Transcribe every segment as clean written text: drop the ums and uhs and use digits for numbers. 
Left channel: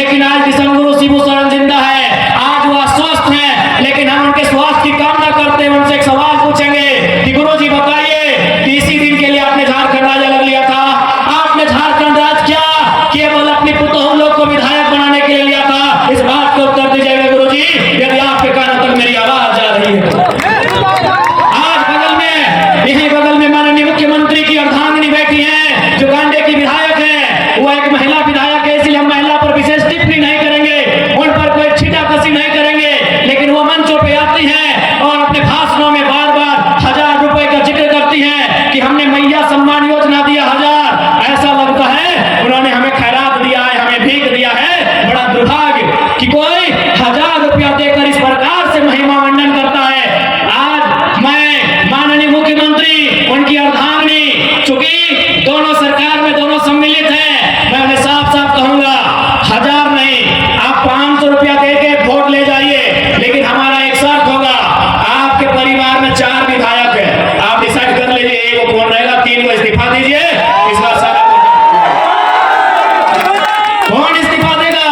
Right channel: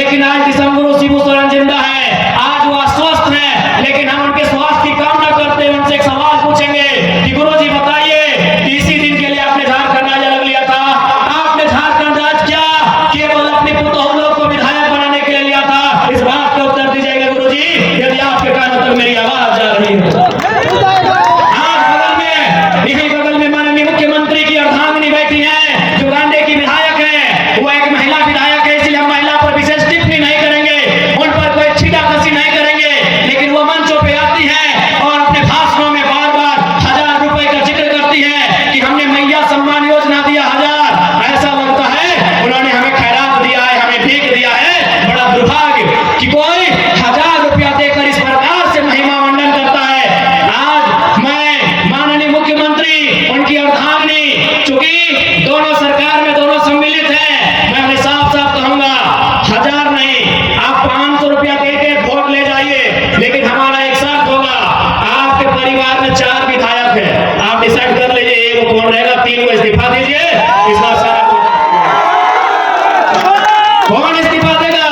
लेकिन आज दिसंग गुरु शिबू सोरेन जिंदा है, आज वह स्वस्थ है, लेकिन हम उनके स्वास्थ्य की कामना करते हैं। उनसे एक सवाल पूछेंगे कि गुरु जी बताइए कि इसी दिन के लिए आपने झारखंड राज अलग लिया था, आपने झारखंड राज क्या केवल अपने पुतोहू लोग को विधायक बनाने के लिए लिया था? इस बात को उत्तर दीजिएगा गुरु जी, यदि आपके कानों तक मेरी आवाज जा रही है। आज बगल में माननीय मुख्यमंत्री की अर्धांगिनी बैठी है जो गांडे की विधायक है, वो एक महिला विधायक है, इसलिए हम महिला पर विशेष टिप्पणी नहीं करेंगे, उन पर कोई छीटाकसी नहीं करेंगे, लेकिन वो मंचों पे आती है और अपने भाषणों में बार बार 1000 रुपए का जिक्र करती है कि हमने मैया सम्मान योजना दिया 1000। ऐसा लगता है उन्होंने हमें खैरात दिया है, हमें भीख दिया है। बड़ा दुर्भाग्य कि कोई 1000 रुपया देकर इस प्रकार से महिमा मंडन करता है। आज मैं माननीय मुख्यमंत्री, उनकी अर्धांगिनी, चूंकि दोनों सरकार में दोनों सम्मिलित हैं, मैं उन्हें साफ साफ कहूंगा 1000 नहीं, आप 500 रुपया देके वोट ले जाइए, लेकिन हमारा एक शर्त होगा, आपके परिवार में 4 विधायक है, आप डिसाइड कर लीजिए एक को कौन रहेगा, 3 को इस्तीफा दीजिए। इस बार सारा कौन इस्तीफा देगा?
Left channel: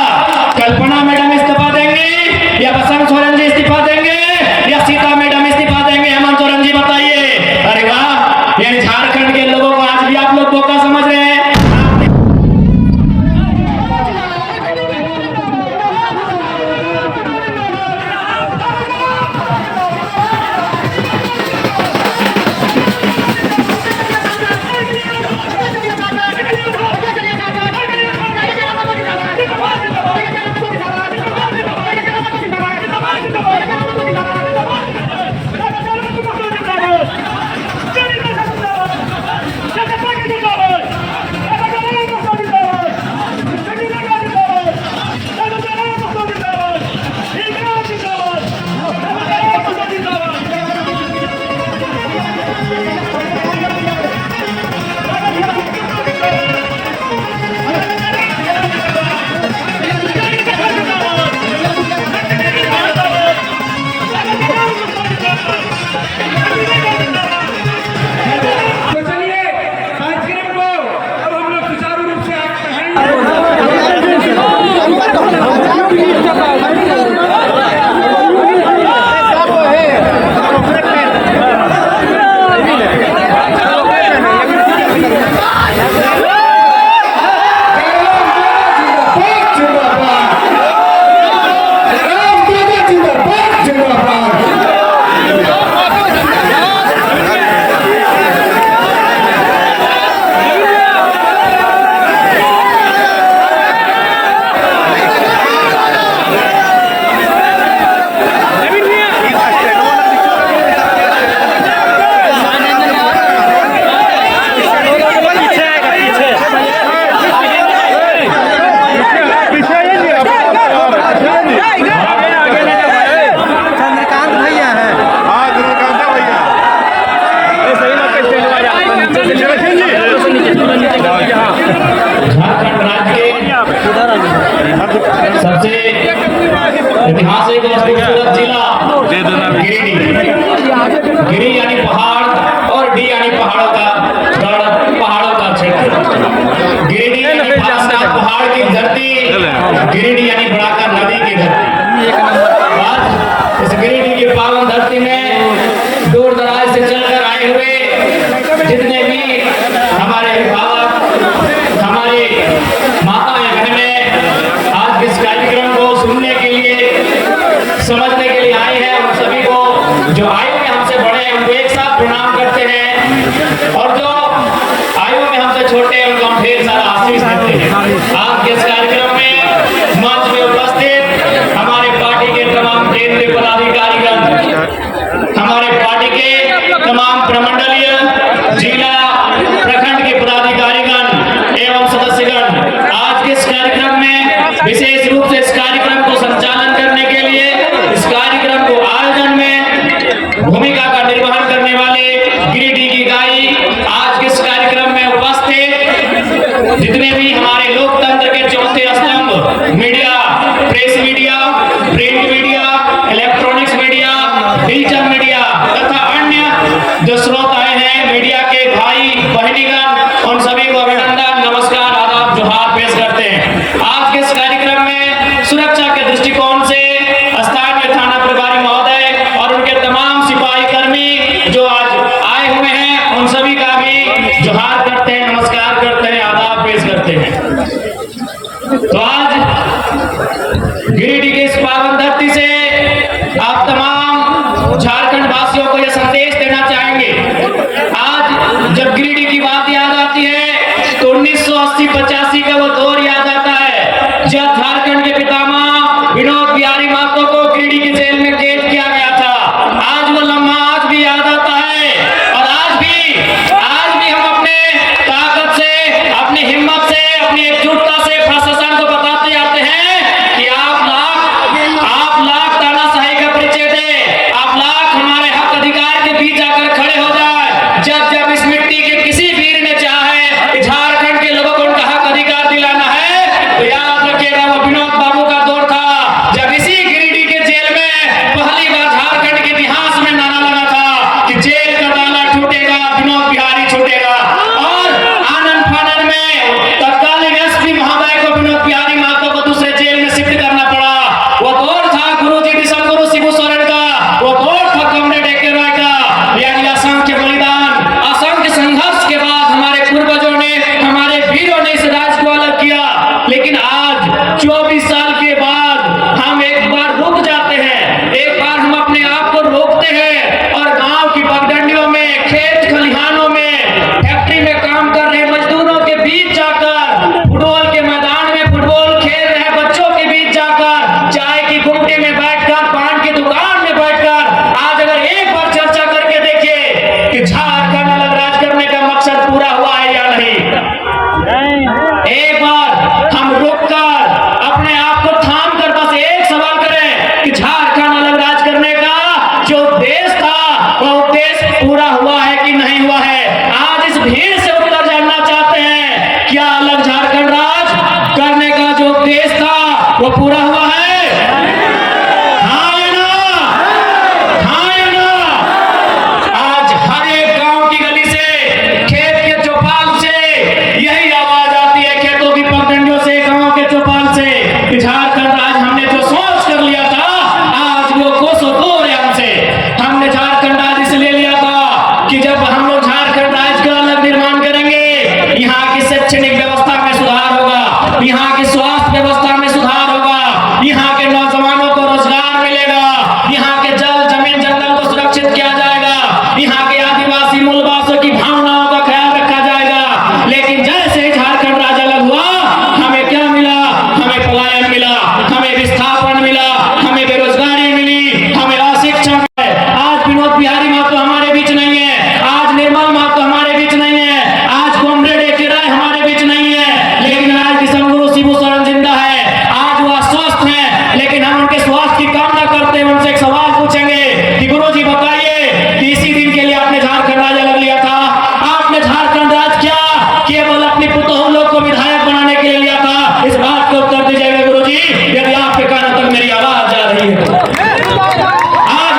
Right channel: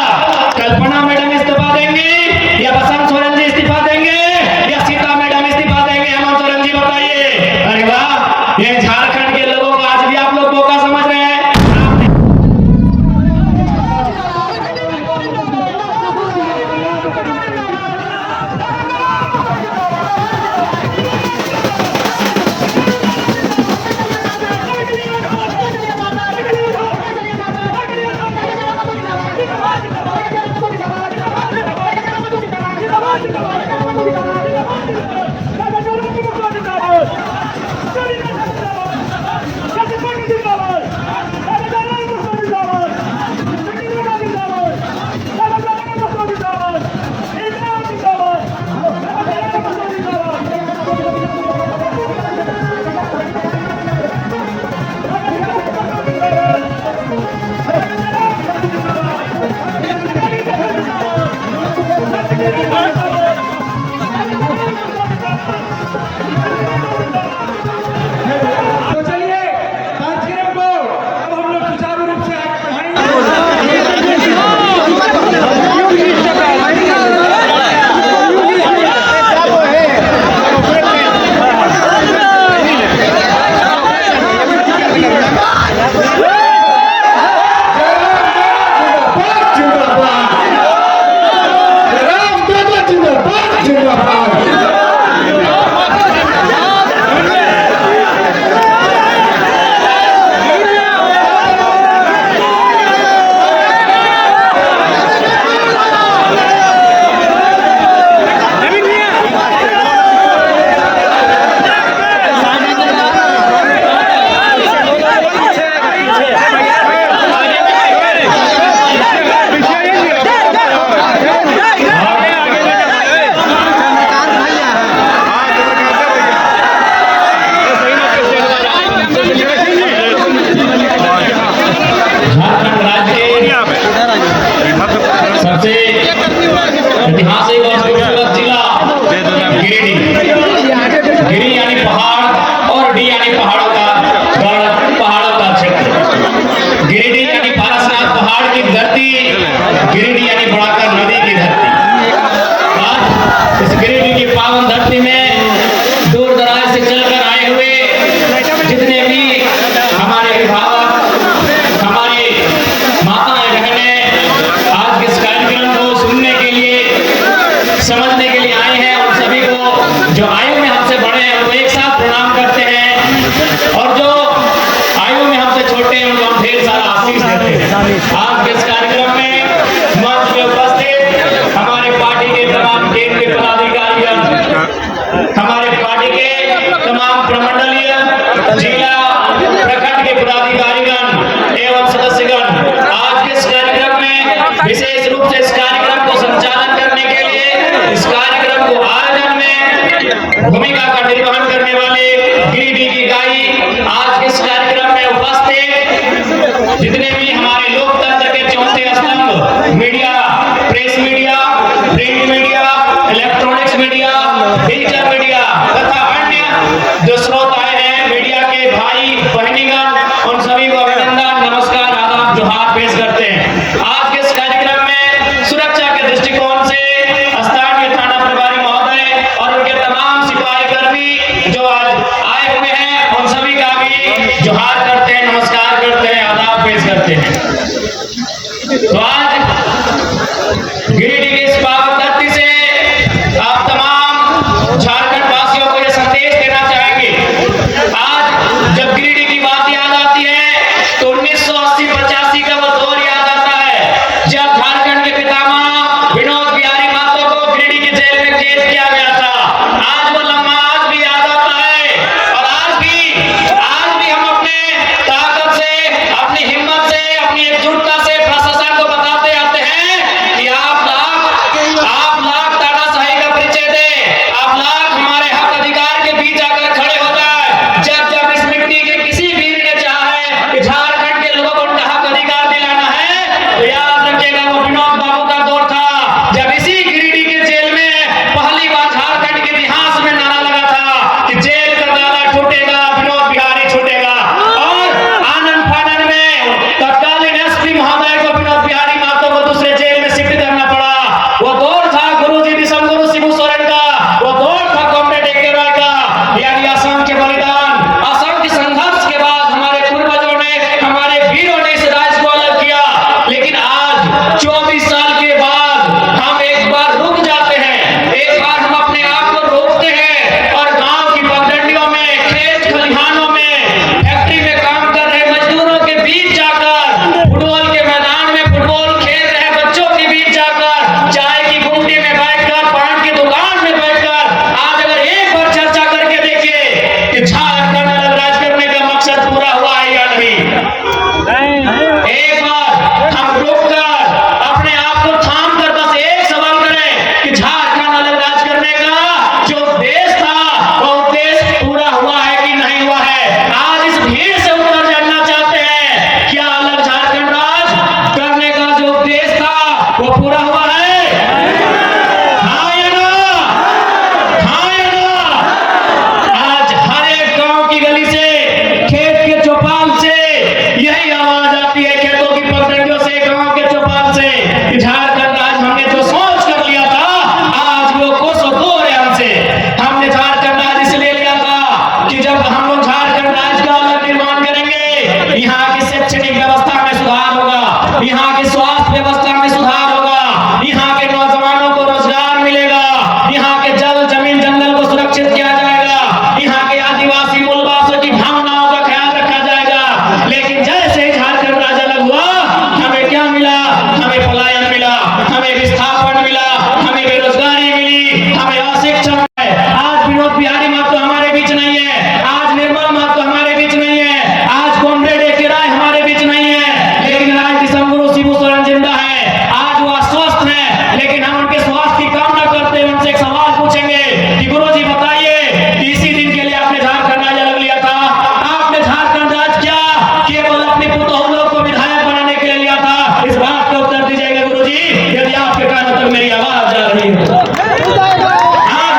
कल्पना मैडम इस्तीफा देंगी या बसंत सोरेन जी इस्तीफा देंगे या सीता मैडम इस्तीफा देंगे? हेमंत सोरेन जी बताइए। अरे वाह, ये झारखंड के लोगों को आज भी आप लोग धोखा समझ रहे हैं। सबसे ऐतिहासिक और खूबसूरत जिला गिरिडीह। गिरी यानी पहाड़ और डी यानी पहाड़ों का क्षेत्र। गिरिडीह यानी पारसनाथ पहाड़ की धरती, गिरिडीह यानी बड़ाकर नदी की धरती। इस गिरिडीह की पावन धरती में दूर दराज से चलकर आए हुए जितने भी हमारे अभिभावक, हमारे माताएं बहनें आज इस कार्यक्रम को सुनने के लिए, समझने के लिए आए हैं, उन सभी को जो आयु में हमसे बड़े हैं उनको एक साथ प्रणाम करते हैं, और जो आयु में हमसे छोटे हैं उनको हम ढेर सारा आशीष देते हैं। आज के इस कार्यक्रम में मंच में उपस्थित हमारे पार्टी के तमाम केंद्रीय पदाधिकारीगण, हमारे पार्टी के तमाम प्रमंडलीय, जिला, प्रखंड के पदाधिकारीगण एवं सदस्यगण, आज के इस कार्यक्रम में विशेष रूप से इस कार्यक्रम को संचालन करने के लिए, इस कार्यक्रम को आयोजन में भूमिका का निर्वहन करने वाले गिरिडीह की गाई, आज के इस कार्यक्रम में उपस्थित जितने भी हमारे लोकतंत्र के चौथे स्तंभ media, press media, print media, electronics media, digital media तथा अन्य जो श्रोताएं हैं, मीडिया के भाई बहनीगण, उन सभी को अभिनंदन, नमस्कार, आदाब, जोहार पेश करते हैं। आज के इस कार्यक्रम में जब झारखंड के पितामह विनोद बिहारी महतो को गिरिडीह की जेल में कैद किया गया था। आज वो लम्हा आज भी याद आता है और आज भी हम अपने ताकत से, अपनी हिम्मत से, अपनी एकजुटता से प्रशासन को बताते आते हैं कि आप लाख तानाशाही का परिचय दे, आप लाख हमारे हक अधिकार के बीच जाकर खड़े हो जाए। जब इस मिट्टी के किसी वीर ने चाहा है कि झारखंड के लोगों को उनका हक अधिकार दिलाना है, तो याद रखिएगा वो विनोद बाबू का दौर था जब इसी गिरिडीह के जेल में पहली बार झारखंड के इतिहास में नारा लगा था कि जेल का ताला टूटेगा, विनोद बिहारी छूटेगा। और आनंद फानन में तत्कालीन एसपी महोदय को विनोद बिहारी महतो को दूसरे जेल में शिफ्ट करना पड़ा। वो दौर था गुरुजी विशंगुरु शिबू सोरेन का, वो दौर था कॉमरेड ए.के. रॉय का। यानी असंख्य बलिदान, असंख्य संघर्ष के बाद हमारे पूर्वजों ने, हमारे वीरों ने इस राज्य को अलग किया। लेकिन आज 24 साल के बाद हम एक बार रुक जाते हैं, एक बार हम अपने आप को रोकते हैं और गांव की पगडंडियों में, खेत खलिहानों में, फैक्ट्री में काम कर रहे मजदूरों के बीच जाकर, फुटबॉल के मैदान में फुटबॉल खेल रहे बच्चों के बीच जाकर, चाय की गुमटी में बैठकर, पान की दुकान में बैठकर आज अगर एक बार चर्चा करके देखिए कि झारखंड अलग राज्य करने का मकसद पूरा हुआ है या नहीं। एक बार हम रुककर अपने आप को थाम कर बस एक सवाल करें कि झारखंड अलग राज्य करने का जो उद्देश्य था वो उद्देश्य पूरा हुआ है कि नहीं हुआ है। आज इस भीड़ से उत्तर जानना चाहते हैं, क्या अलग झारखंड राज्य करने का जो उद्देश्य था वो पूरा हुआ है? हाँ या ना? हाँ या ना? आज हर एक गांव की गली से, खेत के चौपाल से यही आवाज आती है, खेतों की पगडंडियों से, गांव के चौपाल से, कि झारखंड राज्य हमने जो सोच कर लिया था आज वो कोसों दूर है हमसे। हमने झारखंड राज्य इसलिए लिया था कि जब हम लोग झारखंड राज्य का अलग निर्माण करेंगे, यहाँ की शैक्षणिक व्यवस्था में सुधार होगा, यहाँ की स्वास्थ्य व्यवस्था में सुधार होगा, यहाँ के नौजवानों को रोजगार मिलेगा, यहाँ के जल जमीन जंगल को सुरक्षित किया जाएगा, यहाँ के आदिवासी मूलवासियों की भावनाओं का ख्याल रखा जाएगा। लेकिन जैसे ही झारखंड राज्य अलग हुआ, हमें क्या मिला? हमें पलायन मिला, हमें विस्थापन मिला, हमें बेरोजगारी मिली, हमें अशिक्षा मिली। आज विनोद बिहारी महतो हमारे बीच नहीं है, आज निर्मल महतो हमारे बीच नहीं है, आज कॉमरेड ए.के. रॉय हमारे बीच नहीं है, लेकिन आज विशंगुरु शिबू सोरेन जिंदा है। आज वो अस्वस्थ हैं, लेकिन हम उनके स्वास्थ्य की कामना करते हुए उनसे एक सवाल पूछेंगे कि गुरुजी बताइए कि इसी दिन के लिए आपने झारखंड राज्य अलग लिया था। आपने झारखंड राज्य क्या केवल अपनी पुतोहू लोग को विधायक बनाने के लिए लिया था? इस बात को उत्तर दीजिएगा गुरुजी, यदि आपके कानों तक मेरी आवाज जा रही है। आज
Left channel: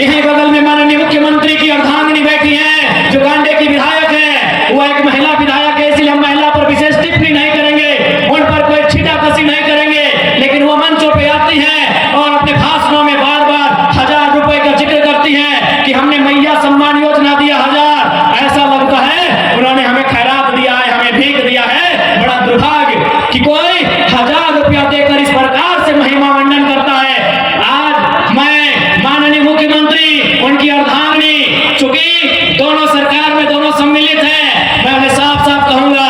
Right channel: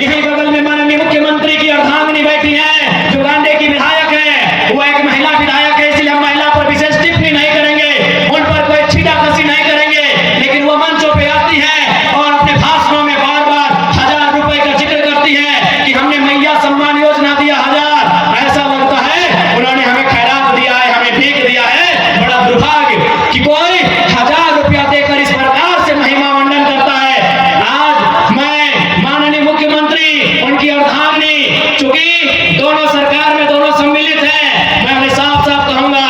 यहीं बगल में माननीय मुख्यमंत्री की अर्धांगिनी बैठी है जो गांडे की विधायक है। वो एक महिला विधायक है, इसलिए हम महिला पर विशेष टिप्पणी नहीं करेंगे, उन पर कोई छीटाकशी नहीं करेंगे। लेकिन वो मंचों पे आती है और अपने भाषणों में बार बार 1000 रुपए का जिक्र करती है कि हमने मैया सम्मान योजना दिया 1000। ऐसा लगता है उन्होंने हमें खैरात दिया है, हमें भीख दिया है। बड़ा दुर्भाग्य कि कोई 1000 रुपया देकर इस प्रकार से महिमा मंडन करता है। आज मैं माननीय मुख्यमंत्री, उनकी अर्धांगिनी, चूंकि दोनों सरकार में दोनों सम्मिलित हैं, मैं उन्हें साफ साफ कहूंगा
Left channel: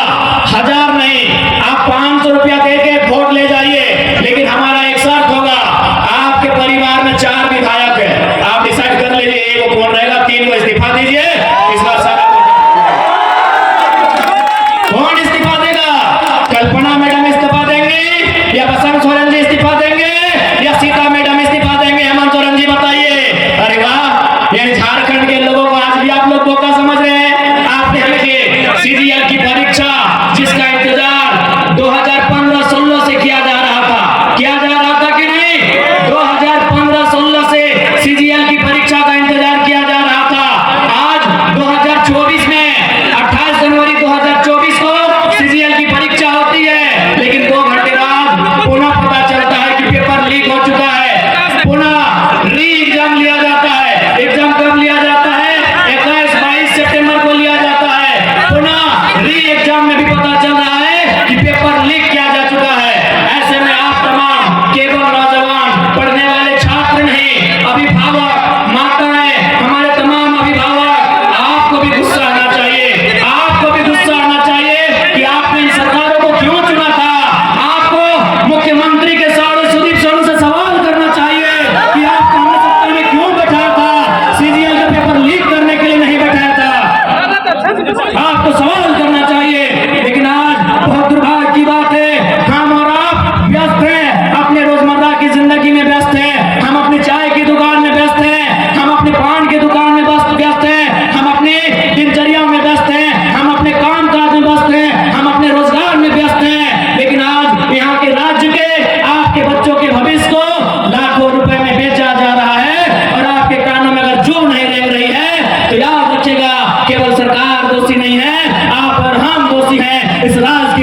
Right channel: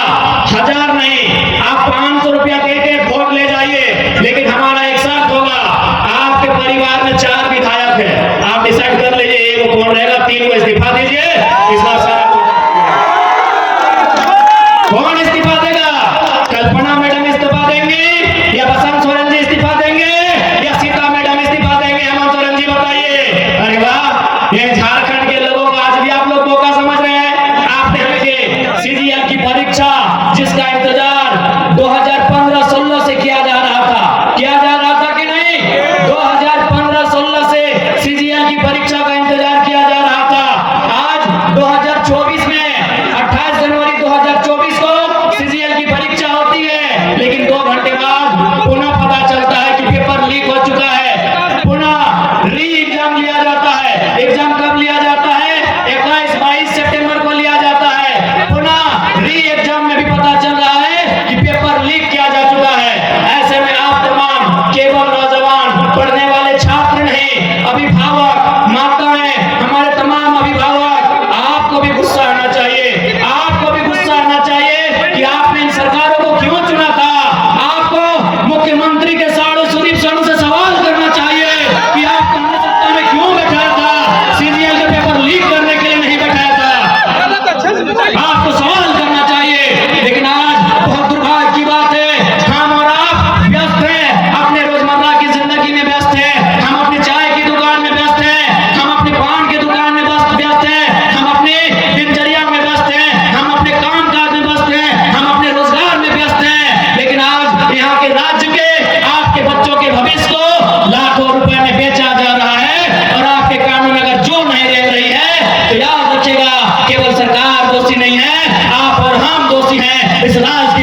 1000 नहीं, आप 500 रुपया देके वोट ले जाइए, लेकिन हमारा एक शर्त होगा, आपके परिवार में 4 विधायक है, आप डिसाइड कर लीजिए एक कौन रहेगा, 3 को इस्तीफा दीजिए। इस बार सारा कौन इस्तीफा देगा? कल्पना मैडम इस्तीफा देंगी या बसंत सोरेन जी इस्तीफा देंगे या सीता मैडम इस्तीफा देंगे? हेमंत सोरेन जी बताइए। अरे वाह, ये झारखंड के लोगों को आज भी आप लोग धोखा समझ रहे हैं। आपने हमें सीजीएल की परीक्षा जिसका इंतजार 2015-16 से किया जा रहा था कि नहीं? 2015-16 से सीजीएल की परीक्षा का इंतजार किया जा रहा था। आज 2024 में 28 जनवरी 2024 को सीजीएल की परीक्षा होती है, लेकिन 2 घंटे बाद पुनः पता चलता है कि पेपर लीक हो चुका है, पुनः री एग्जाम लिया जाता है। एग्जाम कब लिया जाता है? 21-22 सितंबर को लिया जाता है। पुनः री एग्जाम में भी पता चल रहा है कि पेपर लीक किया जा चुका है। ऐसे में आप तमाम केवल नौजवान, पढ़ने वाले छात्र नहीं, अभिभावक, माताएं, हमारे तमाम अभिभावक, आपको भी गुस्सा आना चाहिए, आपको भी गुस्सा आना चाहिए कि आपने इन सरकारों को क्यों चुना था। आपको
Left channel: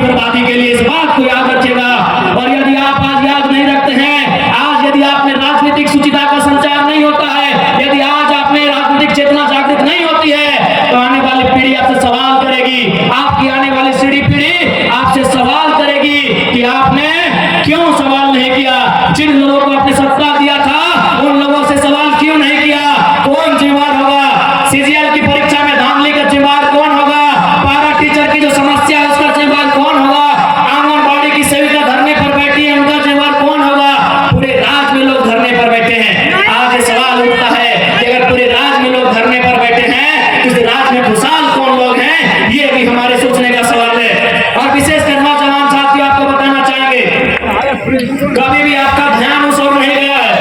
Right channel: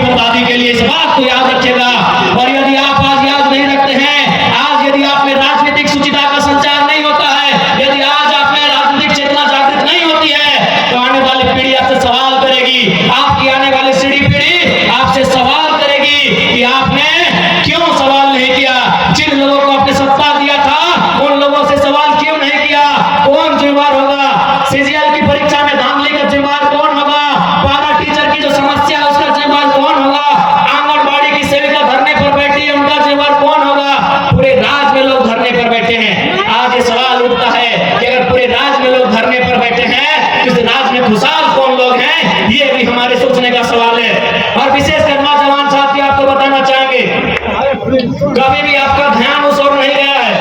बर्बादी के लिए। इस बात को याद रखिएगा। और यदि आप आज याद नहीं रखते हैं, आज यदि आप में राजनीतिक सुचिता का संचार नहीं होता है, यदि आज आप में राजनीतिक चेतना जागृत नहीं होती है, तो आने वाली पीढ़ी आपसे सवाल करेगी। आपकी आने वाली पीढ़ी आपसे सवाल करेगी कि आपने क्यों सवाल नहीं किया। जिन लोगों को आपने सत्ता दिया था, उन लोगों से सवाल क्यों नहीं किया। कौन जिम्मेदार होगा? सीजीएल की परीक्षा में धांधली का जिम्मेदार कौन होगा? पारा टीचर की जो समस्या है उसका जिम्मेदार कौन होगा? आंगनबाड़ी की सेविका धरने पर बैठी है, उनका जिम्मेदार कौन होगा? पूरे राज्य में लोग धरने पर बैठे हैं। आज ये सवाल उठता है कि अगर पूरे राज्य में लोग धरने पर बैठे हैं, तो इस राज्य में खुशहाल कौन लोग हैं? ये भी हमारे सोचने का सवाल है। और विशेषकर नौजवान साथी आपको बताना चाहेंगे, कभी भी आपका ध्यान उस ओर नहीं गया है।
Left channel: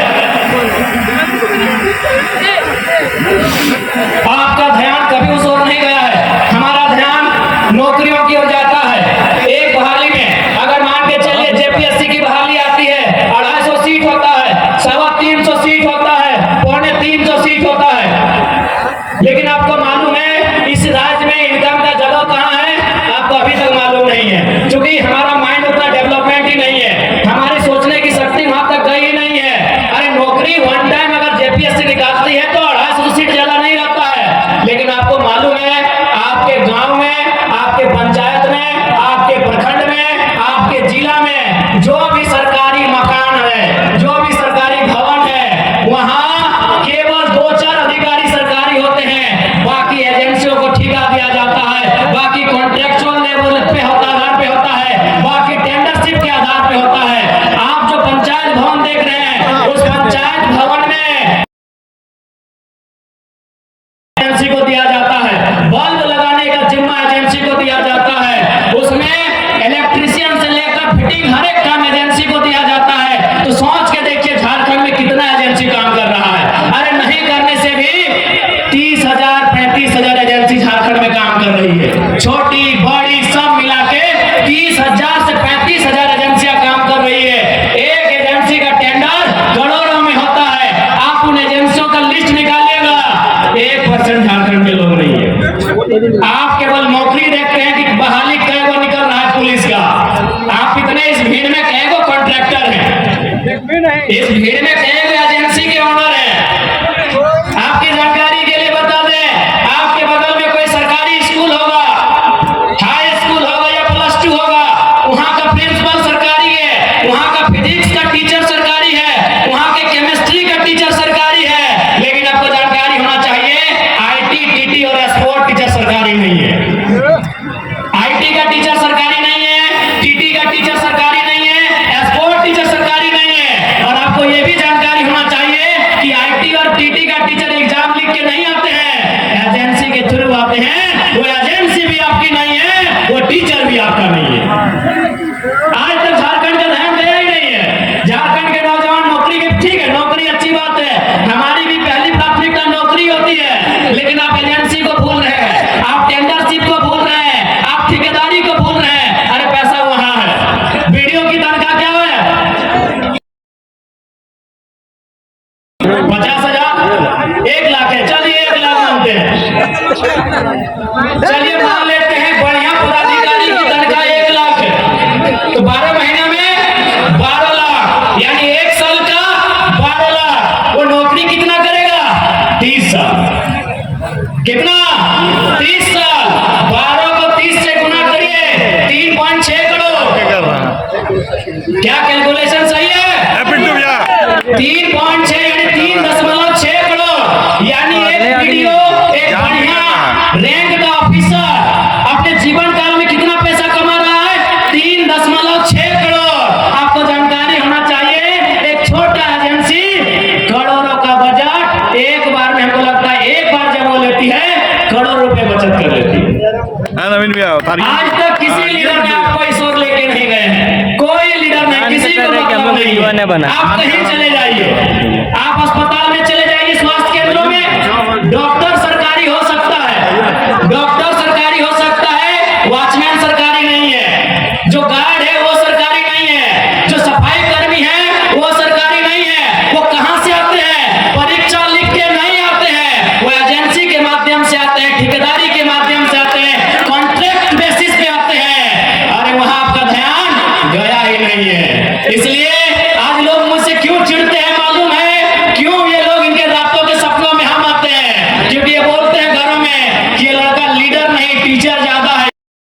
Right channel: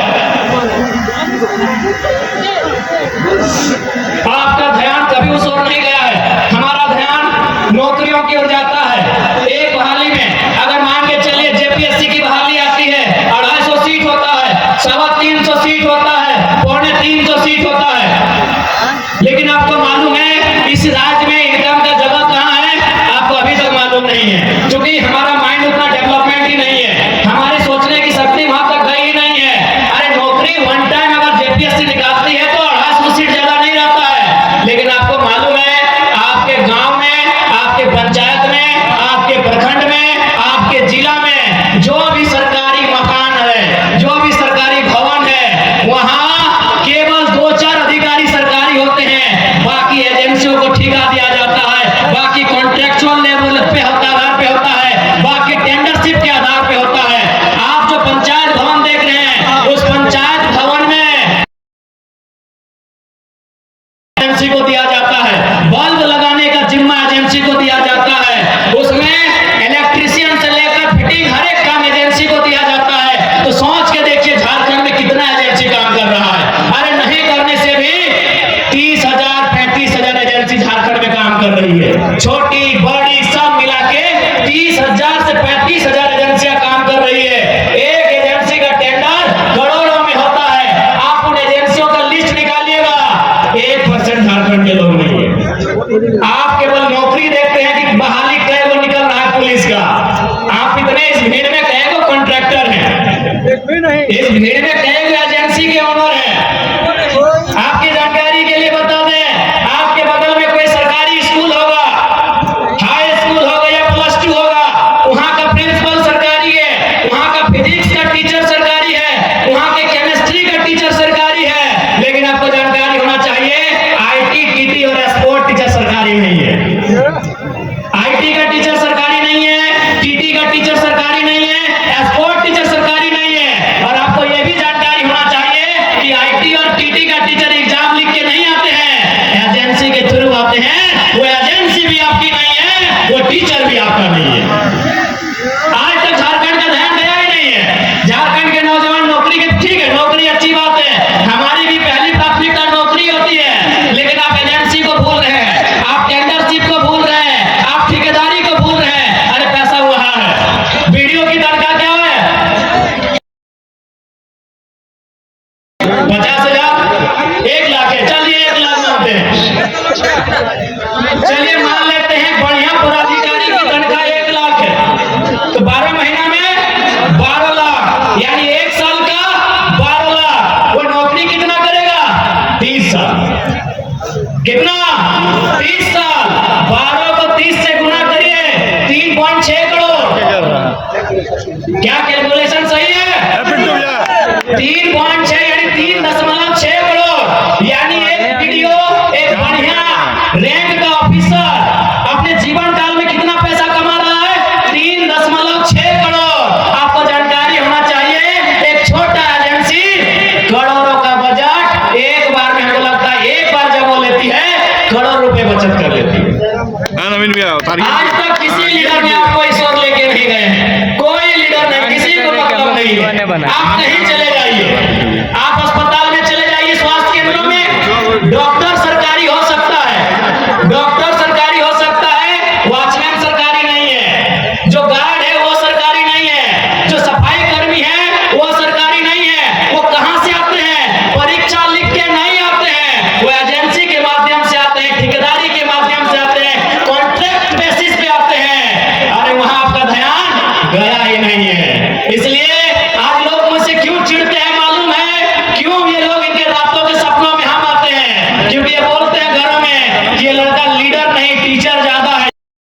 आपका ध्यान कभी उस ओर नहीं गया है। हमारा ध्यान नौकरियों की ओर जाता है। एक बहाली में अगर मान के चलिए जेपीएससी की बहाली आती है, 250 सीट होता है, 350 सीट होता है, 350 सीट होता है। लेकिन आपको मालूम है इस राज्य में इनकम का जगह कहाँ है? आपको अभी तक मालूम नहीं है, क्योंकि हमारा माइंड उतना डेवलपमेंट ही नहीं है, हमारे सोचने की शक्ति वहां तक गई ही नहीं है। अरे नौकरी वन टाइम अगर जेपीएससी निकालती है तो 250 सीट ज्यादा नहीं रहता है। लेकिन आपको मालूम है आपके गांव में, आपके पंचायत में, आपके प्रखंड में, आपके जिला में जो भी सरकारी मकान है, जो भी सरकारी भवन है, वहां केवल 2-4 अधिकारी सरकारी होते हैं। बाकी एजेंसियों को ठेका दिया जाता है, बाकी कॉन्ट्रेक्चुअल लेवल पे आधार पे होता है, बाकी टेंडरशिप के आधार पे होता है। आप जो पंचायत भवन देख रहे हैं, उस पंचायत भवन में एजेंसी को दिया जाता है। बल्ब लगाने का जिम्मा एजेंसी को दिया जाता है। उसमें इलेक्ट्रिशियन से लेकर फिटिंग हर एक काम एजेंसी को दिया जाता है। तो सोच के देखिए झारखंड में कितना एजेंसी काम कर रहा है। अरे नहीं करने से भी 30,000 35,000 एजेंसी झारखंड में काम कर रही है। छोटी बड़ी सब मिला के 30,000 से 35,000 एजेंसियां काम कर रही है। एक एजेंसी का टेंडर करोड़ों में होता है। आप उन एजेंसियों का लिस्ट निकालिएगा, 1% झारखंड के लोग नहीं है। आप केवल नौकरी देखते हैं कि बहाली कै गो निकल रहा है पुलिस का। आप इतने इस भीड़ में कै गो कॉन्ट्रैक्टर हैं, इस भीड़ में कै गो एजेंसी के ओनर हैं। आपकी जानकारी के लिए बता दें, आपके बगल में कोई सरकारी स्कूल होगा, हाई स्कूल होगा या +2 होगा, वहां का प्रिंसिपल सरकारी है, वहां का फिजिक्स का टीचर सरकारी है, वहां के केमिस्ट्री का टीचर सरकारी है। लेकिन आपको जानकारी होना चाहिए आईटी, टीटी और स्पोर्ट टीचर सरकारी नहीं है। आईटी का टीचर सरकारी नहीं है, टीटी का टीचर सरकारी नहीं है, स्पोर्ट टीचर सरकारी नहीं है। और आपको यह भी जानकारी होना चाहिए कि आईटी और टीटी का टीचर एग्जाम लिख के नहीं आते हैं, एजेंसी के थ्रू आते हैं। वो एजेंसी भी आपकी नहीं है, वो टीचर भी आपका नहीं है। आज तक झारखंड का ध्यान गया ही नहीं है। झारखंड के नौजवान नौकरी के, ठीक है नौकरी अच्छी बात है, हमारी भी पहली प्राथमिकता नौकरी होती है। लेकिन आप एजेंसी को भूल रहे हैं, आप टेंडरशिप को भूल रहे हैं, आप ठेकेदारी को भूल रहे हैं। अरे पैसा वहां है, वीडियो की तनख्वाह क्या है? 50,000, 1 लाख है। चलिए 1 लाख मानते हैं, चलिए मान लेते हैं बढ़िया पदाधिकारी की तनख्वाह 1 लाख है, तो 12 महीना में 12 लाख, यानी 1 साल का 12 लाख। वो नौकरी कितना करेगा? 30 साल। कितना? 30 साल। 12 को 30 से गुना करिए, 3.6 करोड़। क्या कैलकुलेशन सही है? 3.6 यानी 3.6 करोड़। यानी एक वीडियो, एक बढ़िया रैंक का ऑफिसर अपने जीवन काल में कितना पैसा कमा रहा है? 3.6 करोड़। आपको जानकारी होना चाहिए, एक छोटा एजेंसी करोड़ों का बजट एक बार में, हमको लगता है एक बार जब वो लेती है करोड़ रुपए बचत कर लेती है। आज तक किसी लीडर ने आपको इस ओर लेके नहीं गए हैं, कोई लीडर नहीं, किसी को मतलब नहीं है। आप कहीं चले जाइए, आप अस्पताल